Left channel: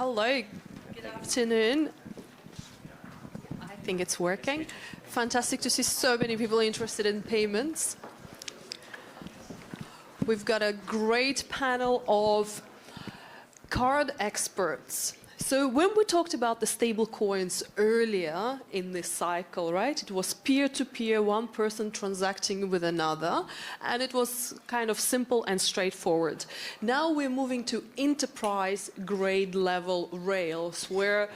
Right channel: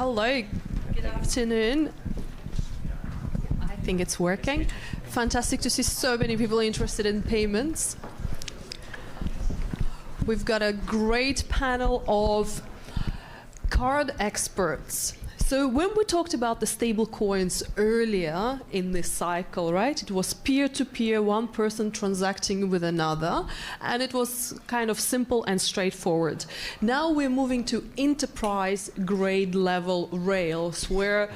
Hello, good afternoon. I think it's working. Fantastic to see so many people interested in payments. We've got a great panel of card experts. So when we talked about the stable coins earlier in this cycle, right, it was peer-to-peer, one person transacting with another, and it was kind of simple and straightforward. Now we're moving to enterprise grade level rails where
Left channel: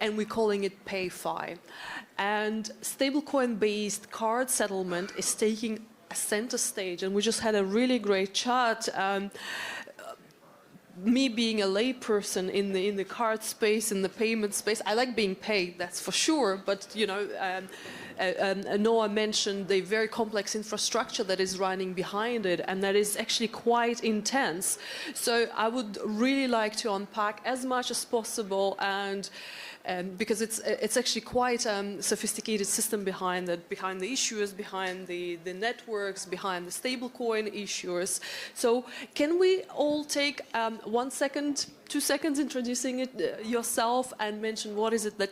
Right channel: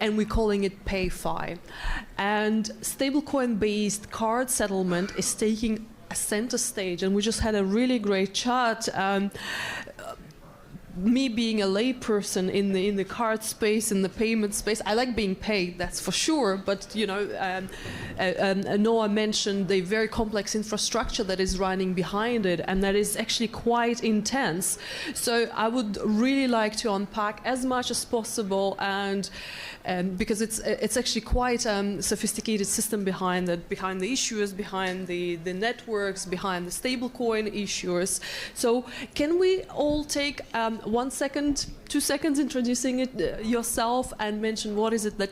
and we're calling it PayFi. And stablecoin-based card settlement is taking a center stage, and we just had a really great chat. Me being a layperson in the card space, in the payment space, I like being paid, that's for sure. But you know, Noah mentioned the very complex infrastructure that is running behind it, and that is actually quite intense. So I would really like to unpack as much as possible, and because it's actually quite a sophisticated system behind it, behind the issuers, behind the networks, behind the stablecoin issuers. So can we all take 1 second, 2 seconds introducing yourself and mention what is it that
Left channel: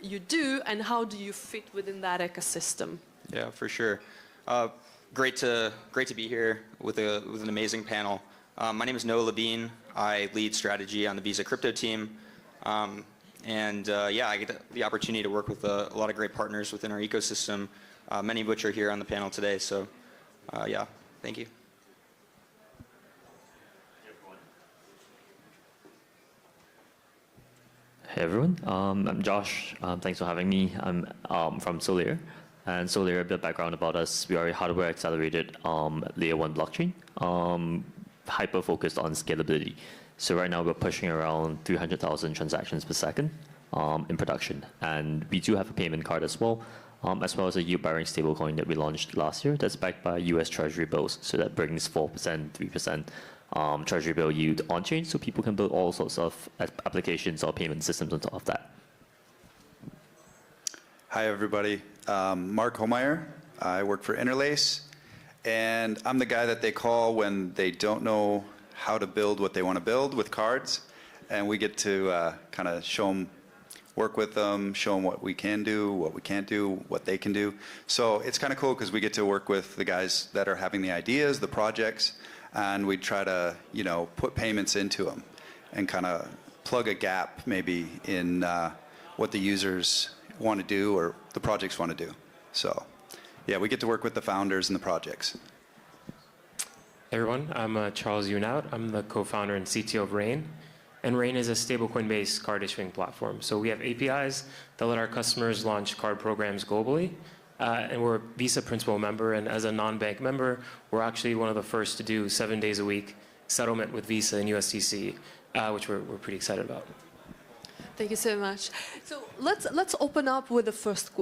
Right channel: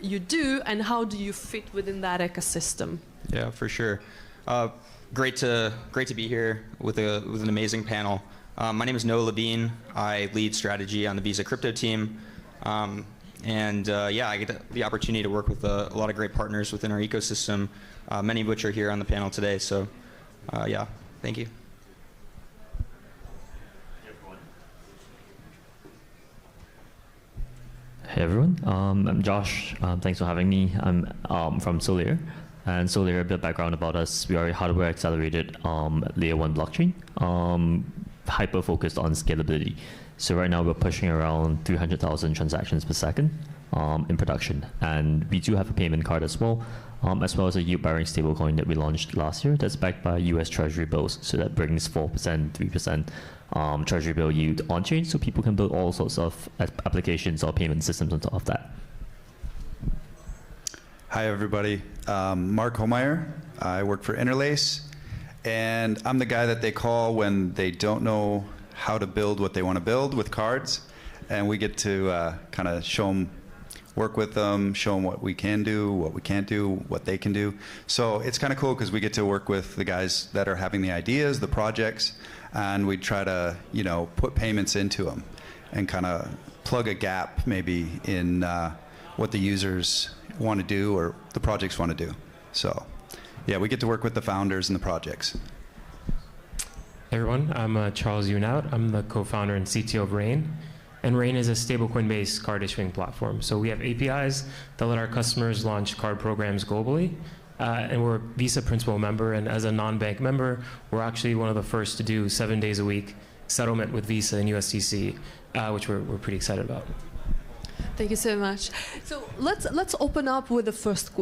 you do and how do you fit within that ecosystem? Yeah, for sure. Great to be here with an amazing panel. My name is Noah Levine. I lead strategy on the Visa crypto team. Yeah, I get the opportunity to work with a lot of great partners within our ecosystem, many of which are here on the panel today. So yeah, thank you. Hey everyone, I'm Josh. Thanks for having me. I'm from Solana, and Solana, a bit of background about us. We are a hardware accelerated layer 1 blockchain, hyper focused on scalability. So right now we're pushing around 300,000 transactions per second in production, and we do have a payment card as well as a yield-bearing stablecoin that we launched last year that's backed by US Treasury bills. So that brings 4%, 3%. Treasury bill yield on-chain, so people can build all sorts of applications or payment systems on top of that. Hi, everybody. Mark Holmeyer. I work for Interlace, and I'm the guy that they call when they don't know how to build what they want to build with cards, and we get to kind of show them, work with them, show them what we can do, what we can't do, what they can do. So it's kind of cool because we get to work with the guys that are having the ideas, the projects, and we try to, you know, put payments into them and kind of plug a gap maybe in what the users want to do or the projects want to do. So yeah, we get to work with the founders and the projects. Hey everyone, I'm Charles Unout. I'm the co-founder and CTO of Rain. And Rain is a stablecoin-based card issuing platform. So we have APIs that let our customers launch card programs globally. And we're a Visa principal member, and as a non-bank member, we're actually one of the first to do 7 days a week settlement with Visa and USDC, which we're pretty excited about. Thank you so much. So let's open up with the first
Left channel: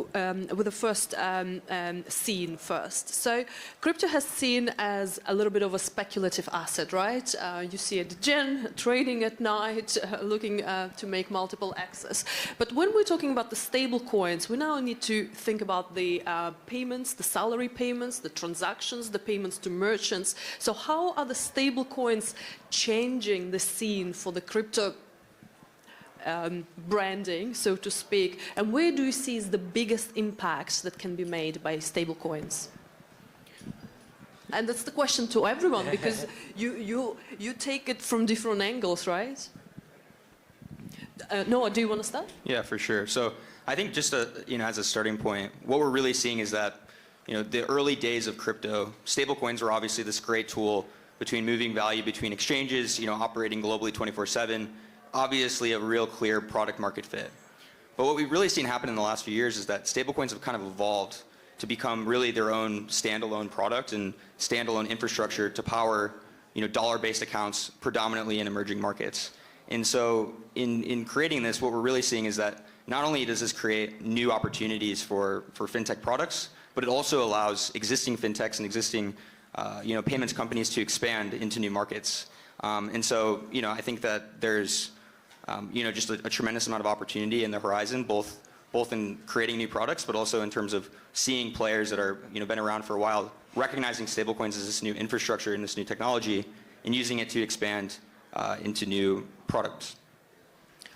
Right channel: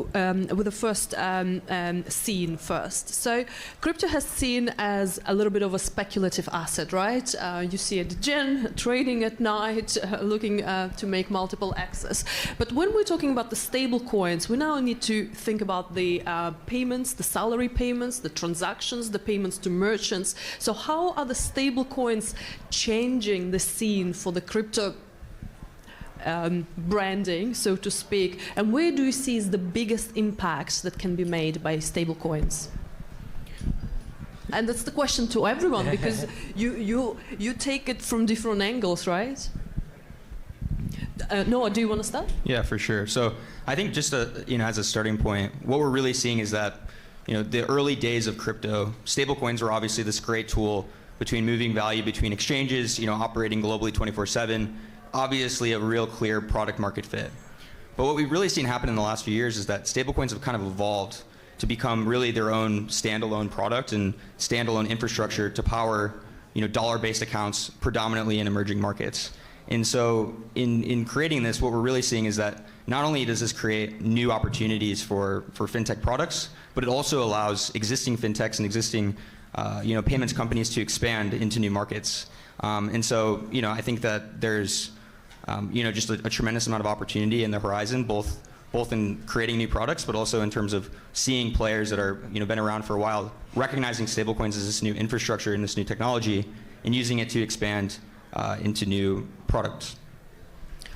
scene first. So crypto has seen as a little bit of a speculative asset, right? You see a degen trading at night, looking to make multiple X's. But when we're talking about the stable coins, we now need to think about the payments, the salary payments, the transactions, the payments to merchants. So how are the stable coins changing the scene for the crypto branding, so to speak, and where do you see is the biggest impact that can be made by stablecoins? And that's the question to everyone, because you take it from different angles, right? Noah, do you want to start? Yeah, for sure. So I think just as a starting point, what we're really seeing is that the early days of crypto, stablecoins were obviously this great tool between moving value between exchanges, operating globally 24/7. Obviously a real clear product market fit. But what we've really seen happen in the last few years is that stablecoins have kind of evolved to become really their own standalone product and standalone infrastructure to power dollar-based accounts predominantly in emerging markets. And so in creating this, what we're really seeing is that not only does this create new opportunities for fintech products, but it also allows existing fintechs and existing payments companies to expand into new markets. And so I think that there's just a tremendous amount of opportunity in the horizon, both in creating new products, but also in terms of seeing players that are been around for a while, recognizing stablecoins as this new infrastructure and this new technology, and using it to expand into new products.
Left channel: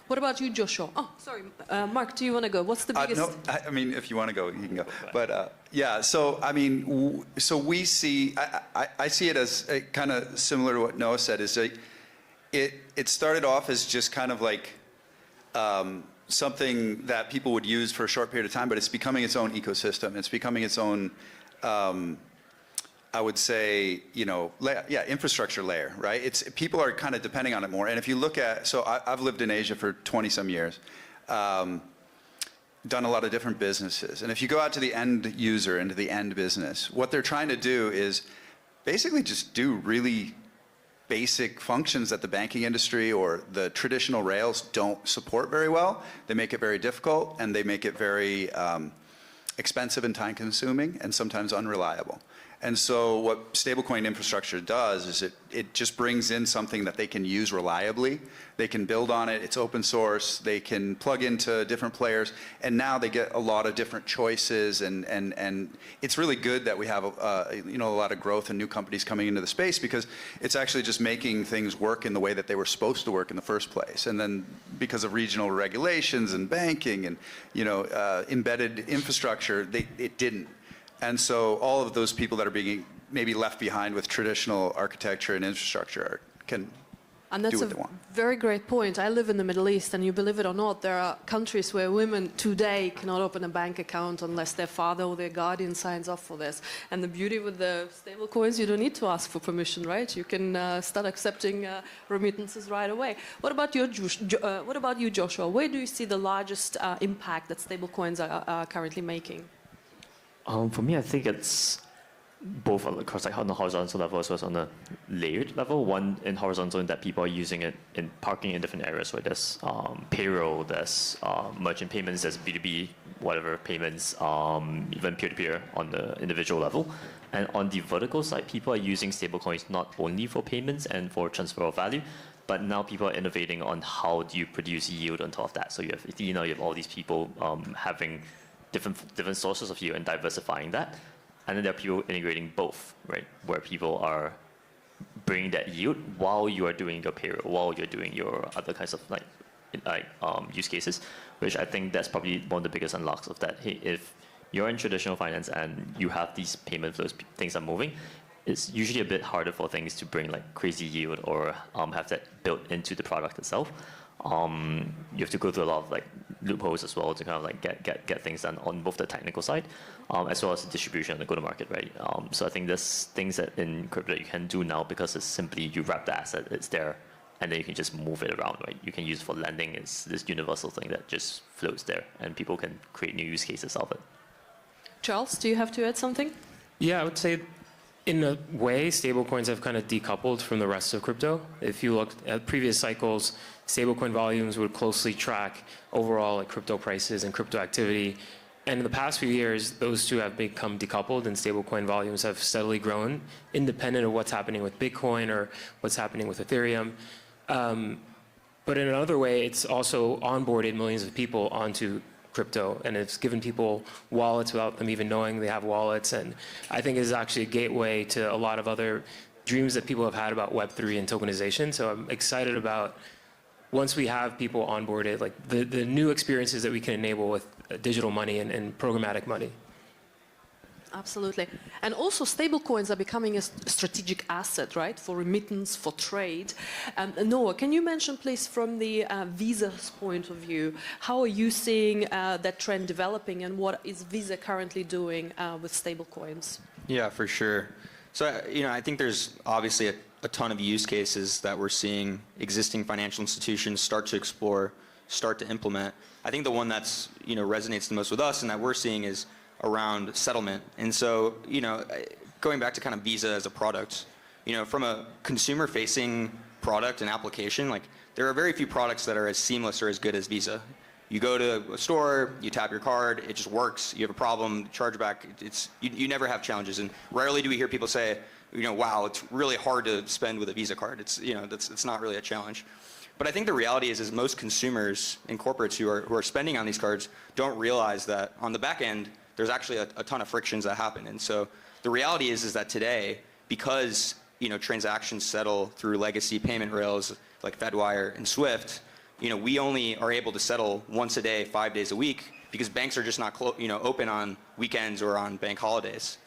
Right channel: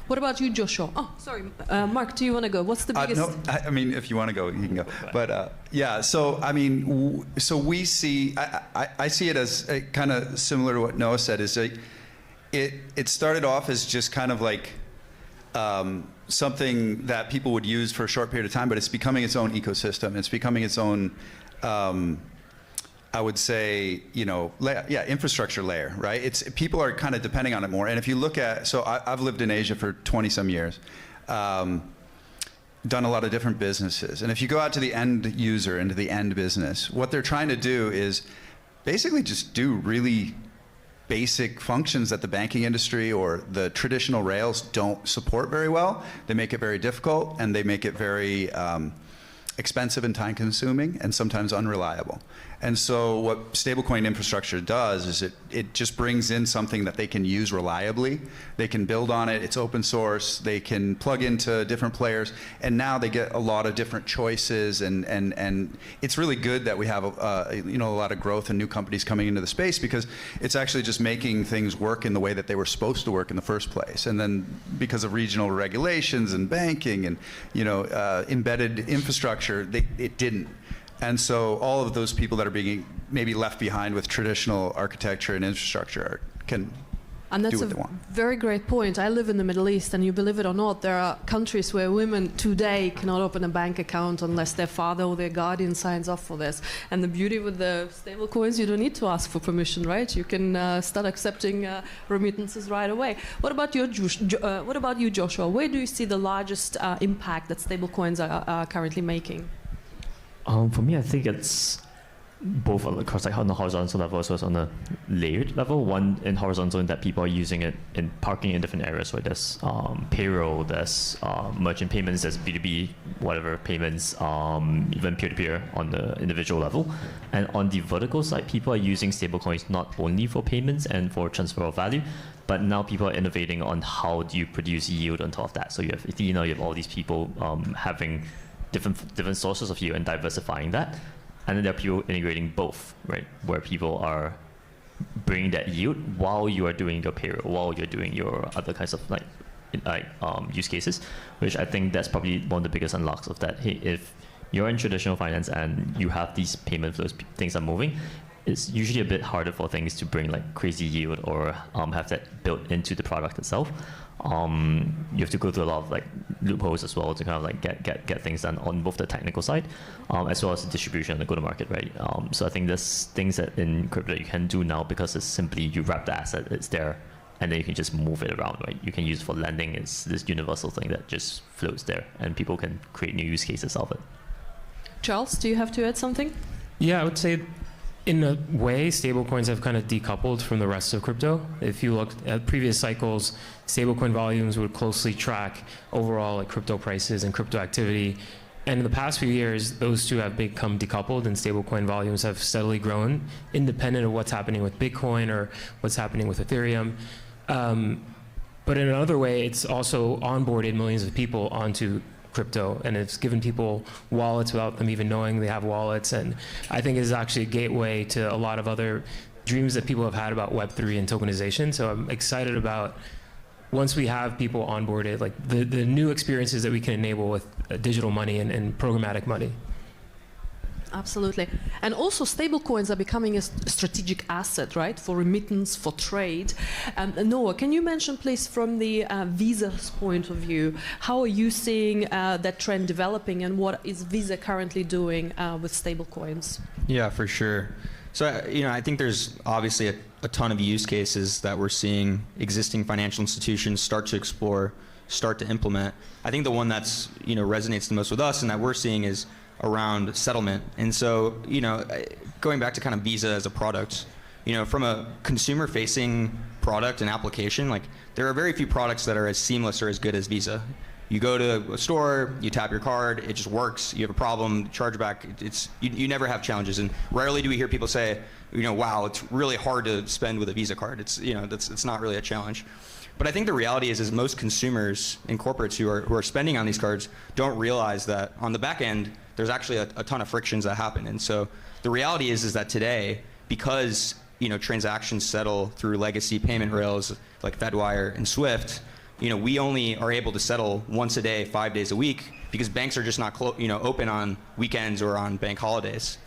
What about you, Joshua? Oh, sorry, Mark, do you want to go? What's the biggest? No, I mean, if you want to go, you can go. But yeah, so I mean, so we see, I see it as kind of similar to what Noah said. Is it started off as just kind of like something that people would use for a short period of time, but it's becoming its own ecosystem. It's becoming its own, I would say, infrastructure layer, right? People are kind of depending on it more. And if you look at, so I've lived in Asia for 20 some years, done a lot of different businesses. And if you go out to the end user, into the end business, what they're trying to do is basically just do really basic functions that the banking industry or the traditional rails don't support very well. They make it very difficult, and they make it very expensive and time consuming and sometimes unreliable. And so what stablecoin infrastructure does is it just brings in something that they can use reliably. They can build on it. It's open source. They can plug into different players. And now they get a lot of different choices. And it's really good that we have a lot of growth and new companies coming into the space, because it's actually just making things work in the way that they were supposed to work in the first place. And then because of regional regulations and banking and embedded infrastructure, it didn't. And so all of those people that are being maybe left behind with traditional architecture and infrastructure can And that's do what they want. Very great point. I live in the Middle East, and you believe it or not, there are countries where women today cannot open a bank account unless their father or their guardian signs off for this. And the beauty with the stable coins, you don't need to ask for permission, right? You can start accepting remittances right away. What about you, Joshua? Where do you see the largest impact that stable coins are currently making? For me, I think it's both across, like, on the horizontal level as well as on the layered level. One in horizontal, in that people are using it in parking in different areas, where there's payroll, there's merchant payments, there's B2B, whatever payments, even peer-to-peer on the individual level. And on the vertical side, people are using stablecoins not only for payments and for transfer of value, but now people are innovating on how do you produce yield on top of that. So you have Athena, you have all these people having different sources of yield and diversifying that. And then there are people integrating both, right? Where people are bringing that yield while you are doing your payroll, while you're doing your other kinds of use cases, which I think that's probably one of the biggest unlocks of that. Hey, if you're in traditional finance and you have these payment flows, things are moving, it's usually a bit harder for things to bring like crazy yield or have that built into the product itself. You have to go through a lot of like loopholes as well to kind of like get things done on both the technical side, as well as the distribution and the go-to-market, right? So I think there's things that in crypto you can do now, because it's simply you wrap the asset, it's there, and then you can just move it around, right? You can use it for lending. It's this universal thing that just floats there, and people can create new use cases of it. Charles, do you have to add something? Yeah, I would say in a way, stablecoins have kind of decoupled from the rest of crypto. If you look at previous cycles, stablecoin volumes would closely track overall like crypto prices and crypto activity. And in the past few years, those two have become decoupled, and stablecoin volumes have steadily grown, independent of what's happening with Bitcoin or what's happening with Ethereum. But in another way, it's also onboarded millions of people onto crypto, and it's given people wallets without them even knowing they have wallets. And I think it's actually a gateway to a lot of other dreams that people have had about Web3 and tokenization. So I'm excited about, once we have people onboarded, like the new experiences that we can enable with digital money and programmatic money. Absolutely. And also stablecoins are becoming a strategic asset, right, for remittance, for trade. Noah, can you mention, please, from the Visa's point of view, how are you seeing that trend developing, and what is Visa currently doing with stablecoins? Yeah, for sure. So, I think there's obviously a ton of use cases that we're seeing existing financial institutions start to explore, start to implement. I think the one that's, resonates the most with us and that we're seeing is around settlement. And so, going back to kind of Visa as a product, from a consumer-facing product and application, like there are very few products that are as seamless or as good as Visa. You go to a store, you tap your card, it just works. You have a problem, chargeback. You never have challenges, and rarely do we hear people say, wow, it's really hard to spend with a Visa card. It's not really a challenge. But I think the reality is most consumers and corporates who are spending on these cards don't realize that on the back end, there's actually a ton of frictions that happen. And so the reality is that today, because transactions settle through legacy payment rails like Fedwire and Swift, we only are able to settle once a day, 5 days a week, because banks are just not open on weekends or on bank holidays.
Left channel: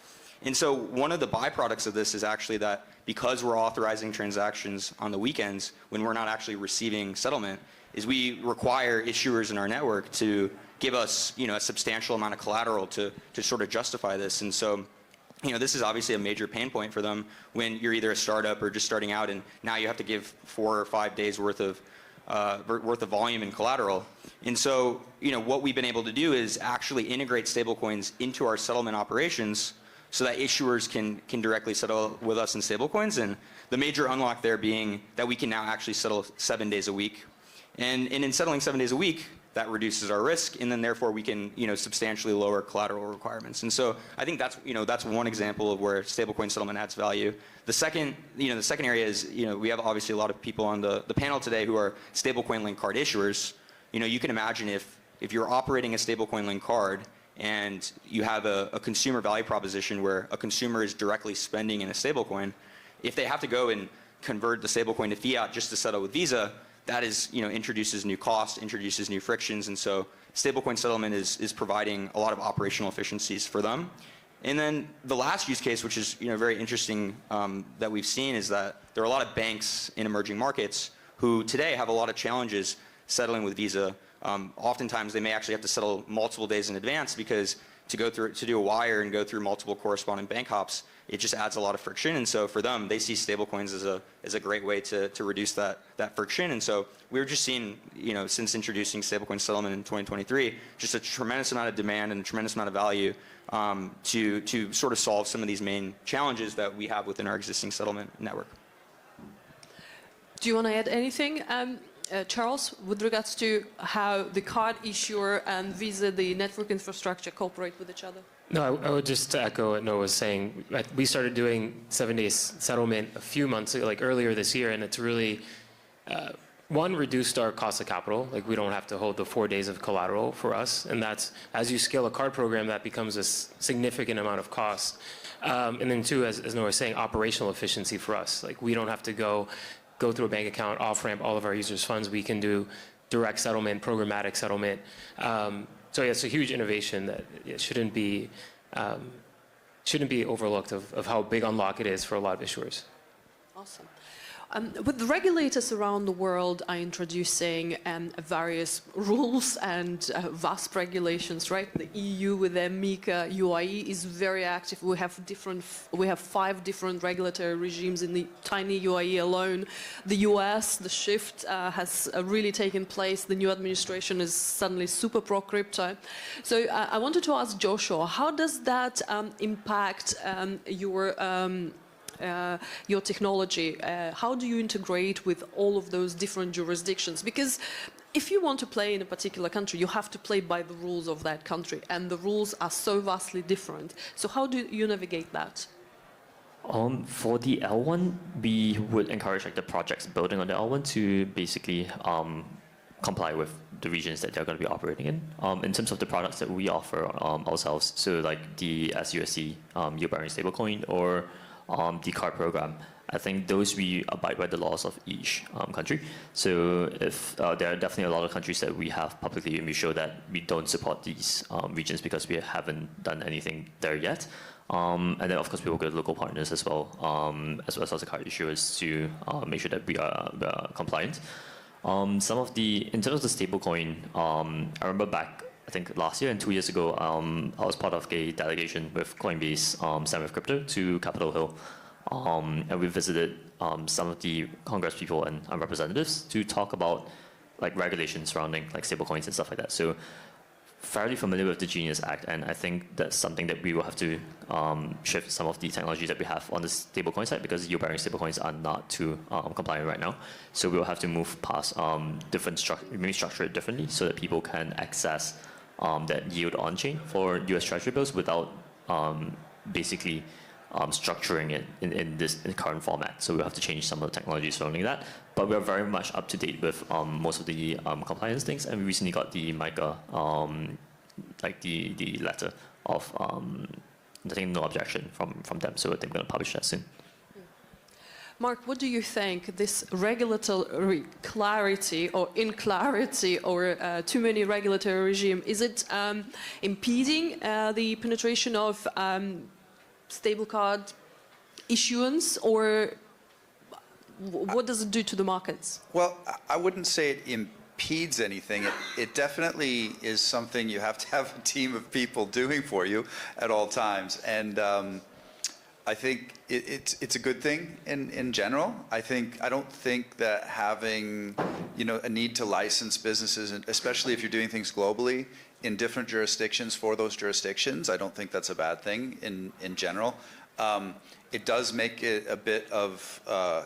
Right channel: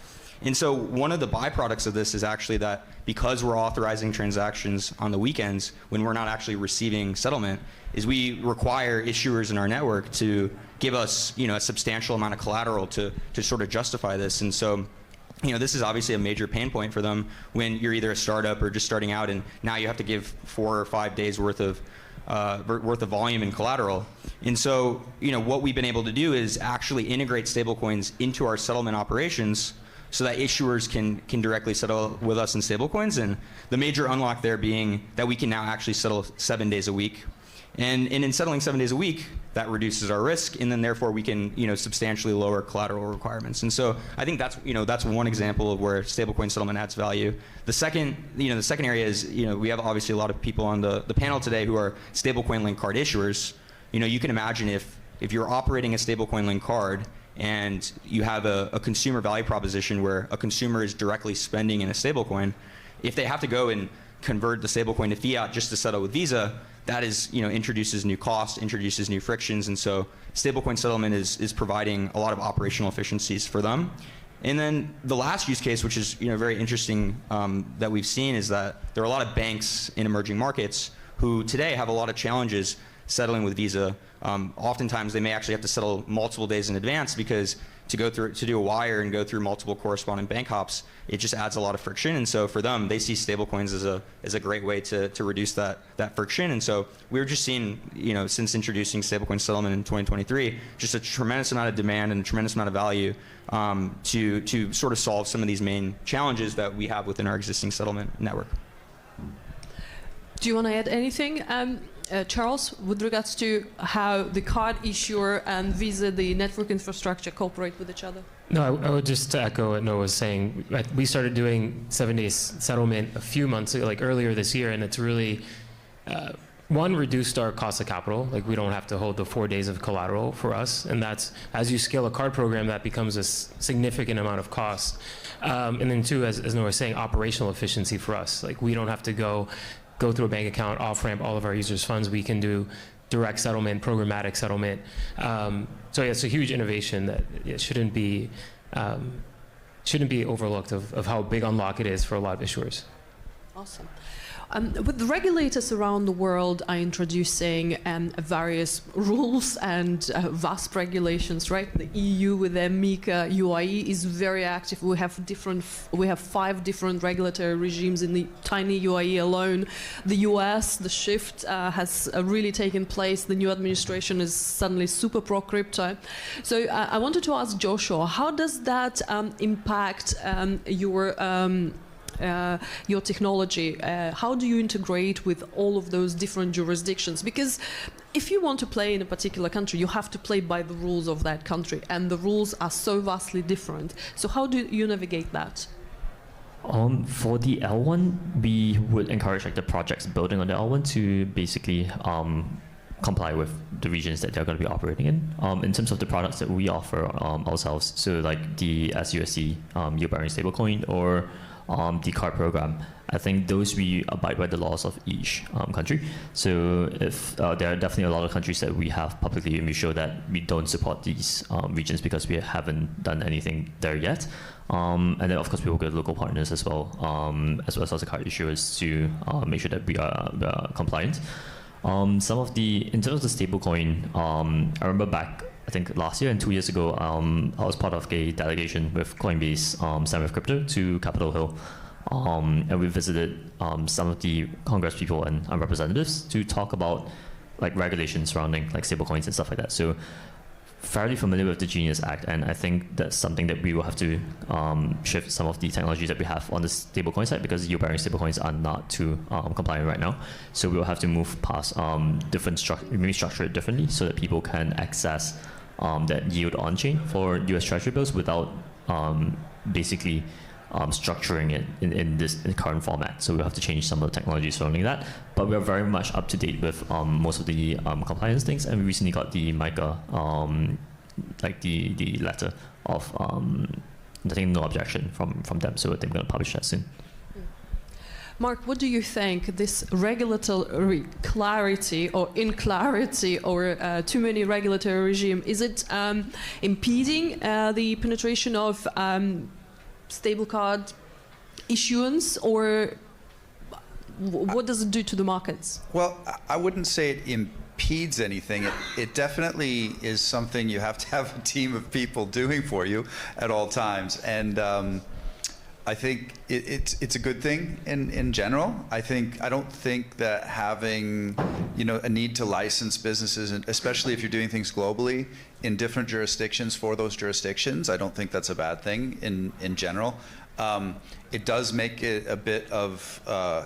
And so one of the byproducts of this is actually that because we're authorizing transactions on the weekends when we're not actually receiving settlement, is we require issuers in our network to give us a substantial amount of collateral to sort of justify this. And so this is obviously a major pain point for them when you're either a startup or just starting out, and now you have to give 4 or 5 days worth of volume and collateral. And so what we've been able to do is actually integrate stablecoins into our settlement operations so that issuers can directly settle with us in stablecoins. And the major unlock there being that we can now actually settle 7 days a week. And in settling 7 days a week, that reduces our risk, and then therefore we can substantially lower collateral requirements. And so I think that's one example of where stablecoin settlement adds value. The second area is we have obviously a lot of people on the panel today who are stablecoin linked card issuers. You can imagine if you're operating a stablecoin linked card and you have a consumer value proposition where a consumer is directly spending in a stablecoin, if they have to go and convert the stablecoin to fiat just to settle with Visa, that is, introduces new costs, introduces new frictions, and so stablecoin settlement is providing a lot of operational efficiencies for them. And then the last use case, which is very interesting that we've seen, is that there are a lot of banks in emerging markets who today have a lot of challenges settling with Visa. Oftentimes, they may actually have to settle multiple days in advance because to do a wire and go through multiple corresponding bank hops, it just adds a lot of friction. And so for them, they see stablecoins as a great way to reduce that friction. And so we're just seeing, since introducing stablecoin settlement in 2023, just a tremendous amount of demand and a tremendous amount of value to sort of solve some of these main challenges that we have within our existing settlement network. Do you want to add anything? Charles, with regards to how the card issuer and Visa, the network infrastructure, cooperate with each other? No, I would just echo what Noah was saying. We started doing 7 days settlement a few months ago, like earlier this year, and it's really, one, reduced our cost of capital. Like we don't have to hold the 4 days of collateral for us, and that's, as you scale a card program, that becomes a significant amount of cost. And then two, as Noah was saying, operational efficiency for us. Like we don't have to go through a bank account, off-ramp all of our users' funds. We can do direct settlement, programmatic settlement. So yeah, it's a huge innovation that it shouldn't be overlooked of how big unlock it is for a lot of issuers. Awesome. With the regulators around the world are introducing various rules and vast regulations, right? The EU with their MiCA UIE is very active. We have 5 different regulatory regimes in the tiny UIE alone. The US, the shift has really taken place. The new administration is suddenly super pro-crypto. So I wanted to ask Joshua, how does that impact your technology? How do you integrate with all of those different jurisdictions? Because if you want to play in a particular country, you have to play by the rules of that country, and the rules are so vastly different. So how do you navigate that? For the L1, we would encourage the projects building on the L1 to basically comply with the regions that they're going to be operating in terms of the products that we offer ourselves. So like the SUSD yield-bearing stablecoin or the card program, I think those we abide by the laws of each country. So if there are definitely a lot of countries that we have publicly, and we show that we don't support these regions because we haven't done anything there yet. And then of course we work with local partners as well as the card issuers to make sure that we are compliant. In terms of the stablecoin, I remember back, I think last year and 2 years ago, I was part of a delegation with Coinbase, Stand with Crypto, to Capitol Hill. And we visited some of the Congress people and representatives to talk about like regulations surrounding like stablecoins and stuff like that. So fairly familiar with the Genius Act, and I think that's something that we will have to shift some of the technologies that we have on the stablecoin side, because yield-bearing stablecoins are not too compliant right now. So we will have to move past maybe structure it differently so that people can access that yield on-chain for US Treasury bills without basically structuring it in the current format. So we'll have to change some of the technology surrounding that. But we're very much up to date with most of the compliance things, and we recently got the MiCA, like the letter of, I think no objection from them, so I think we're going to publish that soon. Mark, what do you think this regulatory clarity or inclarity or too many regulatory regime, is it impeding the penetration of stable card issuance, or what does it do to the markets? Well, I wouldn't say it impedes anything. It definitely is something you have to have a team of people doing for you at all times. And I think it's a good thing in general. I don't think that having, a need to license businesses, especially if you're doing things globally in different jurisdictions for those jurisdictions, I don't think that's a bad thing in general. It does make it a bit of, a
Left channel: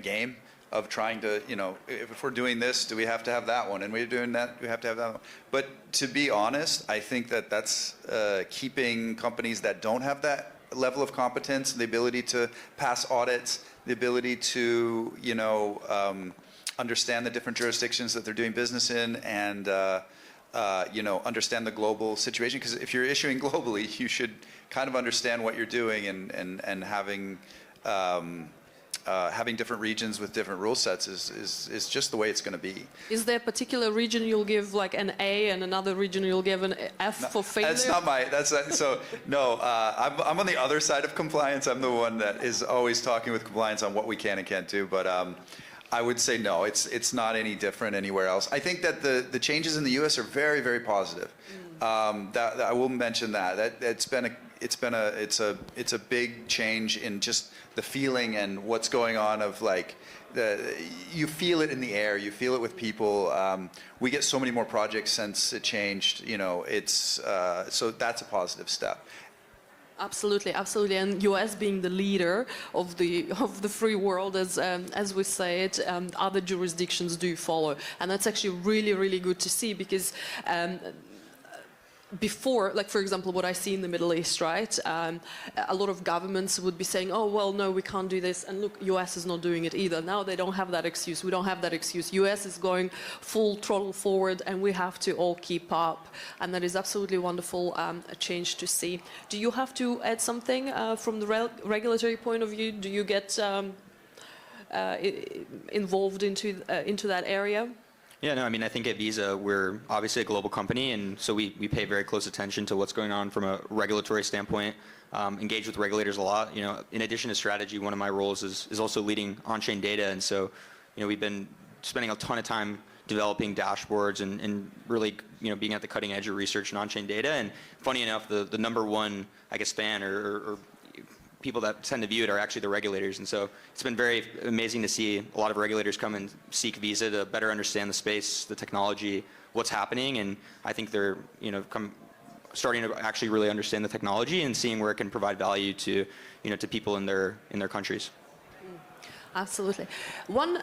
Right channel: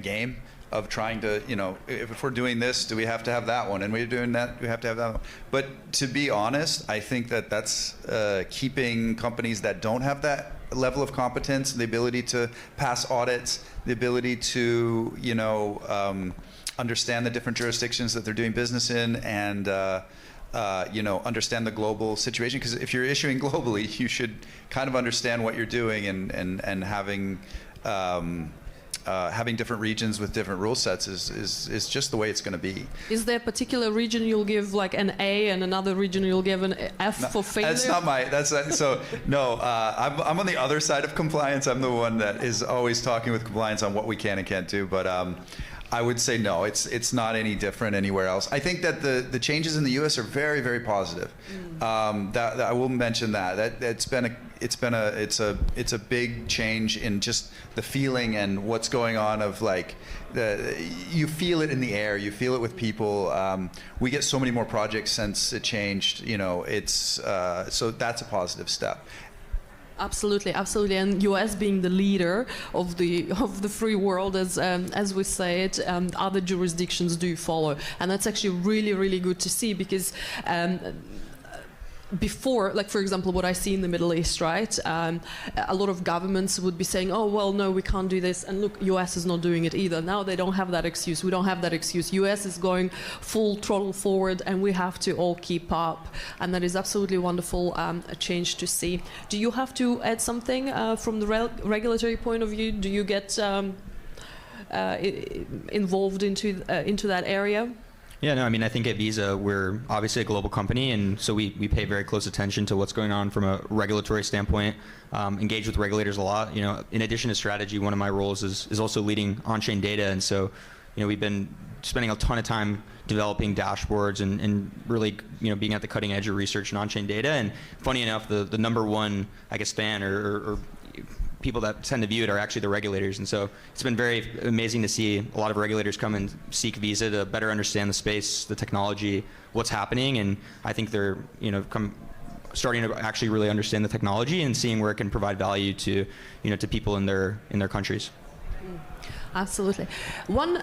game of trying to, if we're doing this, do we have to have that one? And we're doing that, we have to have that one. But to be honest, I think that that's keeping companies that don't have that level of competence, the ability to pass audits, the ability to, understand the different jurisdictions that they're doing business in, and understand the global situation. Because if you're issuing globally, you should kind of understand what you're doing, and having different regions with different rule sets is just the way it's going to be. Is there a particular region you'll give like an A and another region you'll give an F for failure? That's not my. No. I'm on the other side of compliance. I'm the one that is always talking with compliance on what we can and can't do. But I would say no. It's not any different anywhere else. I think that the changes in the U.S. are very, very positive. That I will mention that it's a big change in just the feeling and what's going on of like you feel it in the air, you feel it with people. We get so many more projects since it changed. So that's a positive step. Absolutely, and US being the leader of the free world, as we say it, other jurisdictions do follow, and that's actually really, really good to see, because before, like for example, what I see in the Middle East, right? A lot of governments would be saying, "Oh well, no, we can't do this," and look, US is not doing it either. Now they don't have that excuse. We don't have that excuse. US is going full throttle forward, and we have to all keep up, and that is absolutely wonderful, a change to see. Do you have to add something from the regulatory point of view? Do you get involved into that area? Yeah, no, I mean, I think at Visa, we're obviously a global company, and so we pay very close attention to what's going on from a regulatory standpoint, engage with regulators a lot. In addition to strategy, one of my roles is also leading on-chain data, and so, we've been spending a ton of time developing dashboards and really, being at the cutting edge of research and on-chain data. And funny enough, the number one, I guess, fan or people that tend to view it are actually the regulators. And so it's been very amazing to see a lot of regulators come and seek Visa to better understand the space, the technology, what's happening. And I think they're, starting to actually really understand the technology and seeing where it can provide value to, to people in their countries. Absolutely. One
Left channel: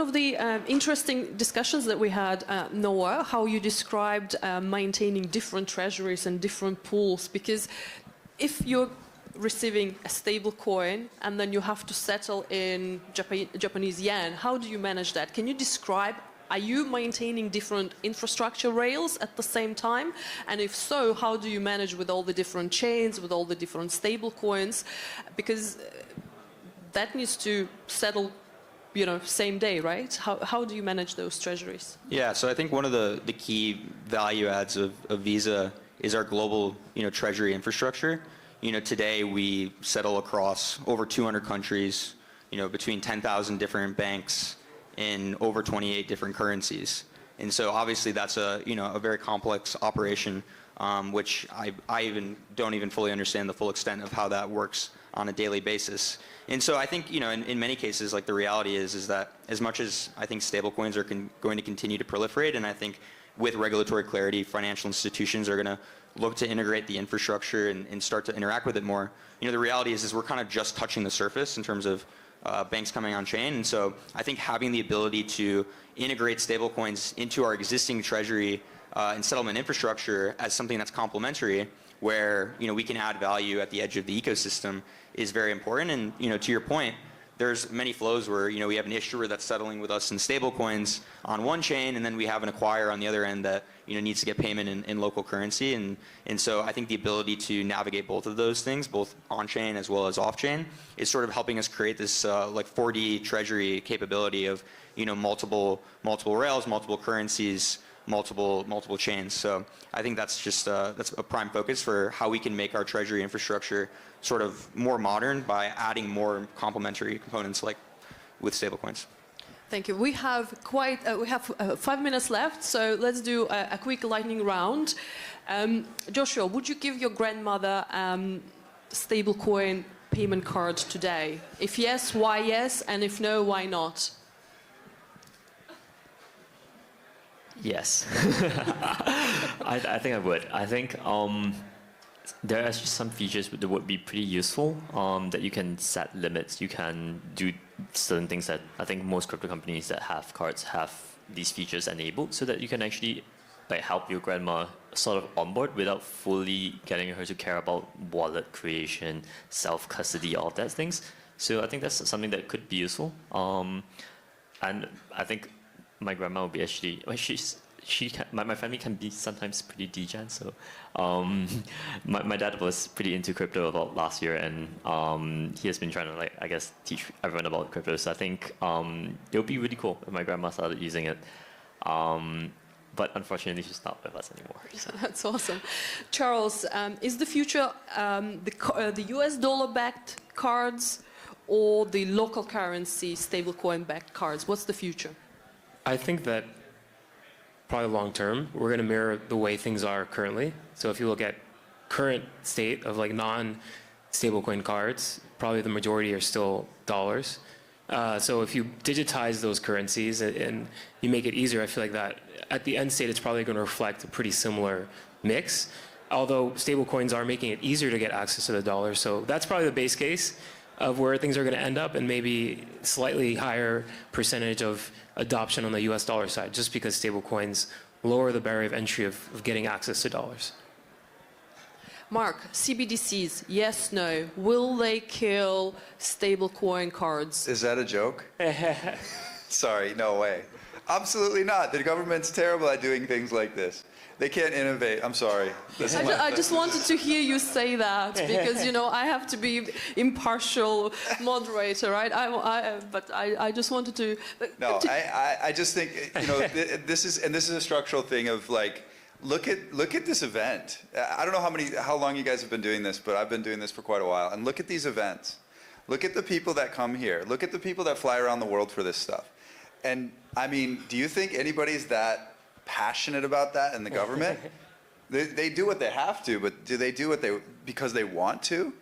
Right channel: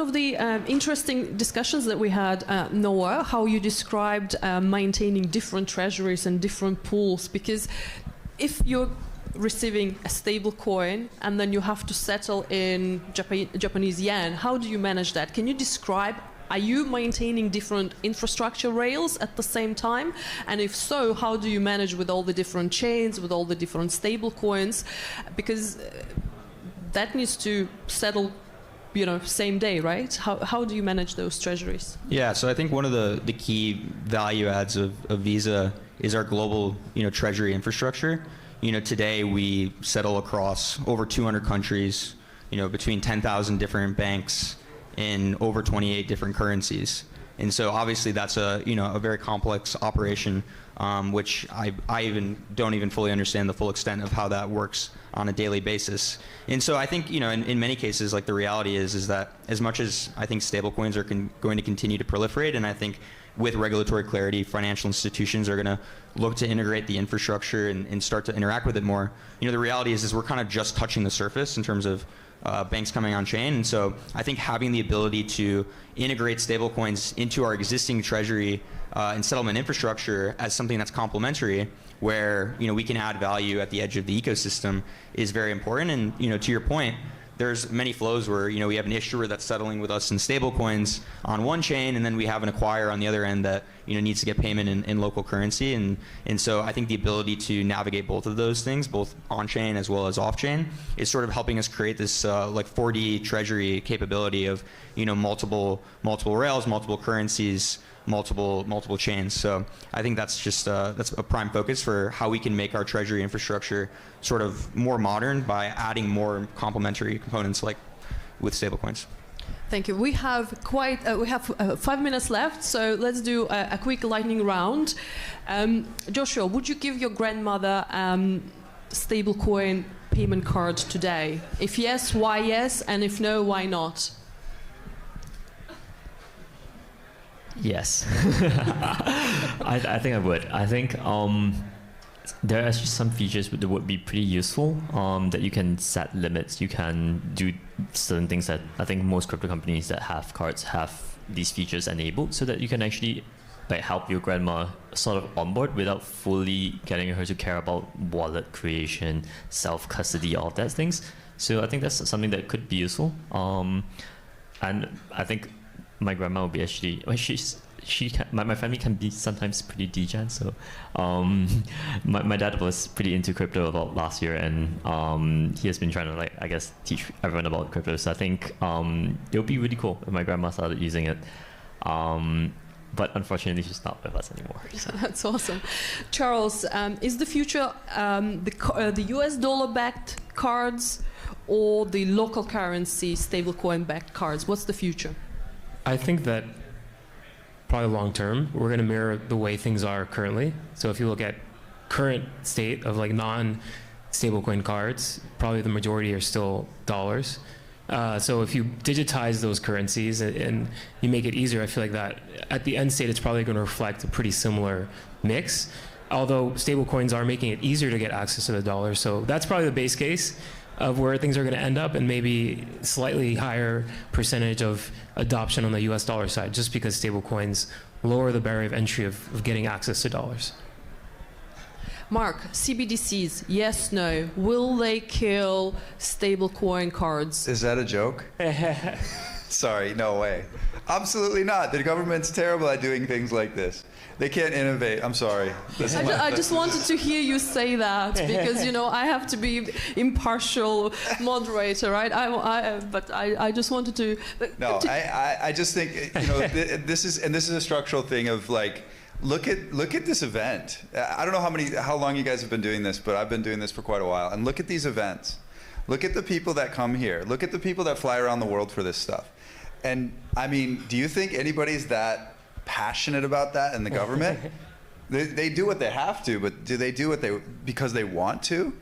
of the interesting discussions that we had, Noah, how you described maintaining different treasuries and different pools, because if you're receiving a stable coin and then you have to settle in Japanese yen, how do you manage that? Can you describe, are you maintaining different infrastructure rails at the same time? And if so, how do you manage with all the different chains, with all the different stable coins? Because that needs to settle, same day, right? How do you manage those treasuries? Yeah, so I think one of the key value adds of Visa is our global, treasury infrastructure. Today we settle across over 200 countries, between 10,000 different banks in over 28 different currencies. And so obviously that's a very complex operation, which I even don't even fully understand the full extent of how that works on a daily basis. And so I think, in many cases, like the reality is that as much as I think stablecoins are going to continue to proliferate, and I think with regulatory clarity, financial institutions are going to look to integrate the infrastructure and start to interact with it more. The reality is we're kind of just touching the surface in terms of banks coming on chain. And so I think having the ability to integrate stablecoins into our existing treasury and settlement infrastructure as something that's complementary, where we can add value at the edge of the ecosystem, is very important. And to your point, there's many flows where, we have an issuer that's settling with us in stablecoins on one chain, and then we have an acquirer on the other end that, needs to get payment in local currency. And so I think the ability to navigate both of those things, both on-chain as well as off-chain, is sort of helping us create this like 4D treasury capability of, multiple rails, multiple currencies, multiple chains. So I think that's just that's a prime focus for how we can make our treasury infrastructure sort of more modern by adding more complementary components like with stablecoins. Thank you. We have 5 minutes left, so let's do a quick lightning round. Joshua, would you give your grandmother stablecoin payment card today? If yes, why yes? And if no, why not? Yes. I think I would. I think there are actually some features that would be pretty useful, that you can set limits. You can do certain things that I think most crypto companies that have cards have these features enabled, so that you can actually help your grandma sort of onboard without fully getting her to care about wallet creation, self-custody, all of that things. So I think that's something that could be useful. And I think my grandma will be actually, my family can be sometimes pretty degen, so my dad was pretty into crypto about last year, and he has been trying to teach everyone about crypto. So I think it would be really cool if my grandma started using it. But unfortunately, she's not with us anymore. So. That's awesome. Charles, is the future the US dollar-backed cards or the local currency stablecoin-backed cards? What's the future? I think that probably long term, we're going to mirror the way things are currently. So if you look at current state of non-stablecoin cards, probably the majority are still dollars. So if you digitize those currencies and you make it easier, I feel like that at the end state, it's probably going to reflect a pretty similar mix. Although stablecoins are making it easier to get access to the dollar. So that's probably the base case of where things are going to end up, and maybe slightly higher percentage of adoption on the US dollar side, just because stablecoins lower the barrier of entry of getting access to dollars. Mark, CBDCs, yes, no. Will they kill stablecoin cards? Is that a joke? Sorry, no way. Absolutely not. The government's terrible at doing things like this. They can't innovate. I'm sorry. I just wanted to hear you say that because, I have to be impartial moderator, right? But I just wanted to... No, I just think, this is a structural thing of look at this event. I don't know how long you guys have been doing this, but I've been doing this for quite a while. And look at these events. Look at the people that come here. Look at the people that fly around the world for this stuff. And I mean, do you think anybody's that passionate about that in the government? They do what they have to, but do they do because they want to?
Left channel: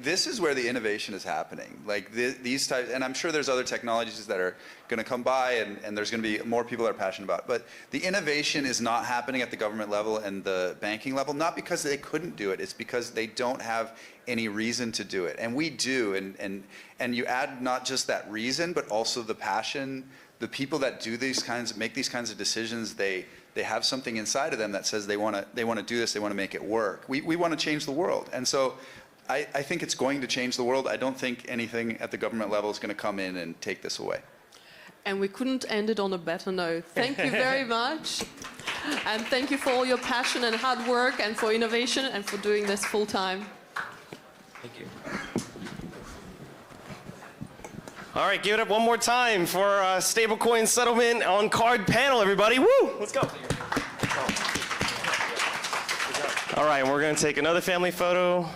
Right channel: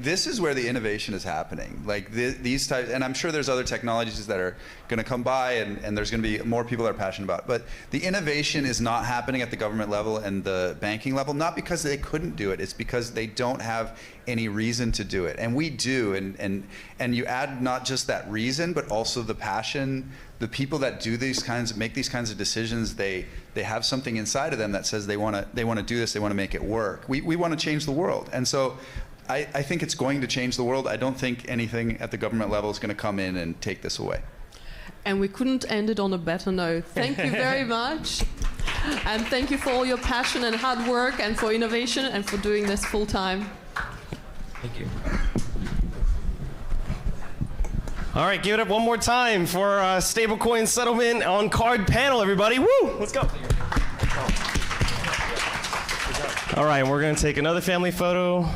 This is where the innovation is happening. These types, and I'm sure there's other technologies that are going to come by, and there's going to be more people that are passionate about it. But the innovation is not happening at the government level and the banking level, not because they couldn't do it. It's because they don't have any reason to do it, and we do. And you add not just that reason, but also the passion. The people that make these kinds of decisions, they have something inside of them that says they want to do this. They want to make it work. We want to change the world, and so. I think it's going to change the world. I don't think anything at the government level is going to come in and take this away. And we couldn't end it on a better note. Thank you very much. And thank you for all your passion and hard work and for innovation and for doing this full time. Thank you. All right, give it up one more time for stablecoin settlement on card panel, everybody. Woo! Let's go. All right, we're going to take another family photo.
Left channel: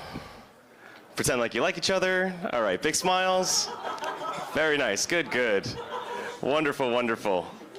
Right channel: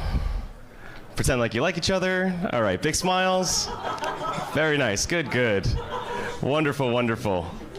Pretend like you like each other. All right, big smiles. Very nice. Good, good. Wonderful, wonderful.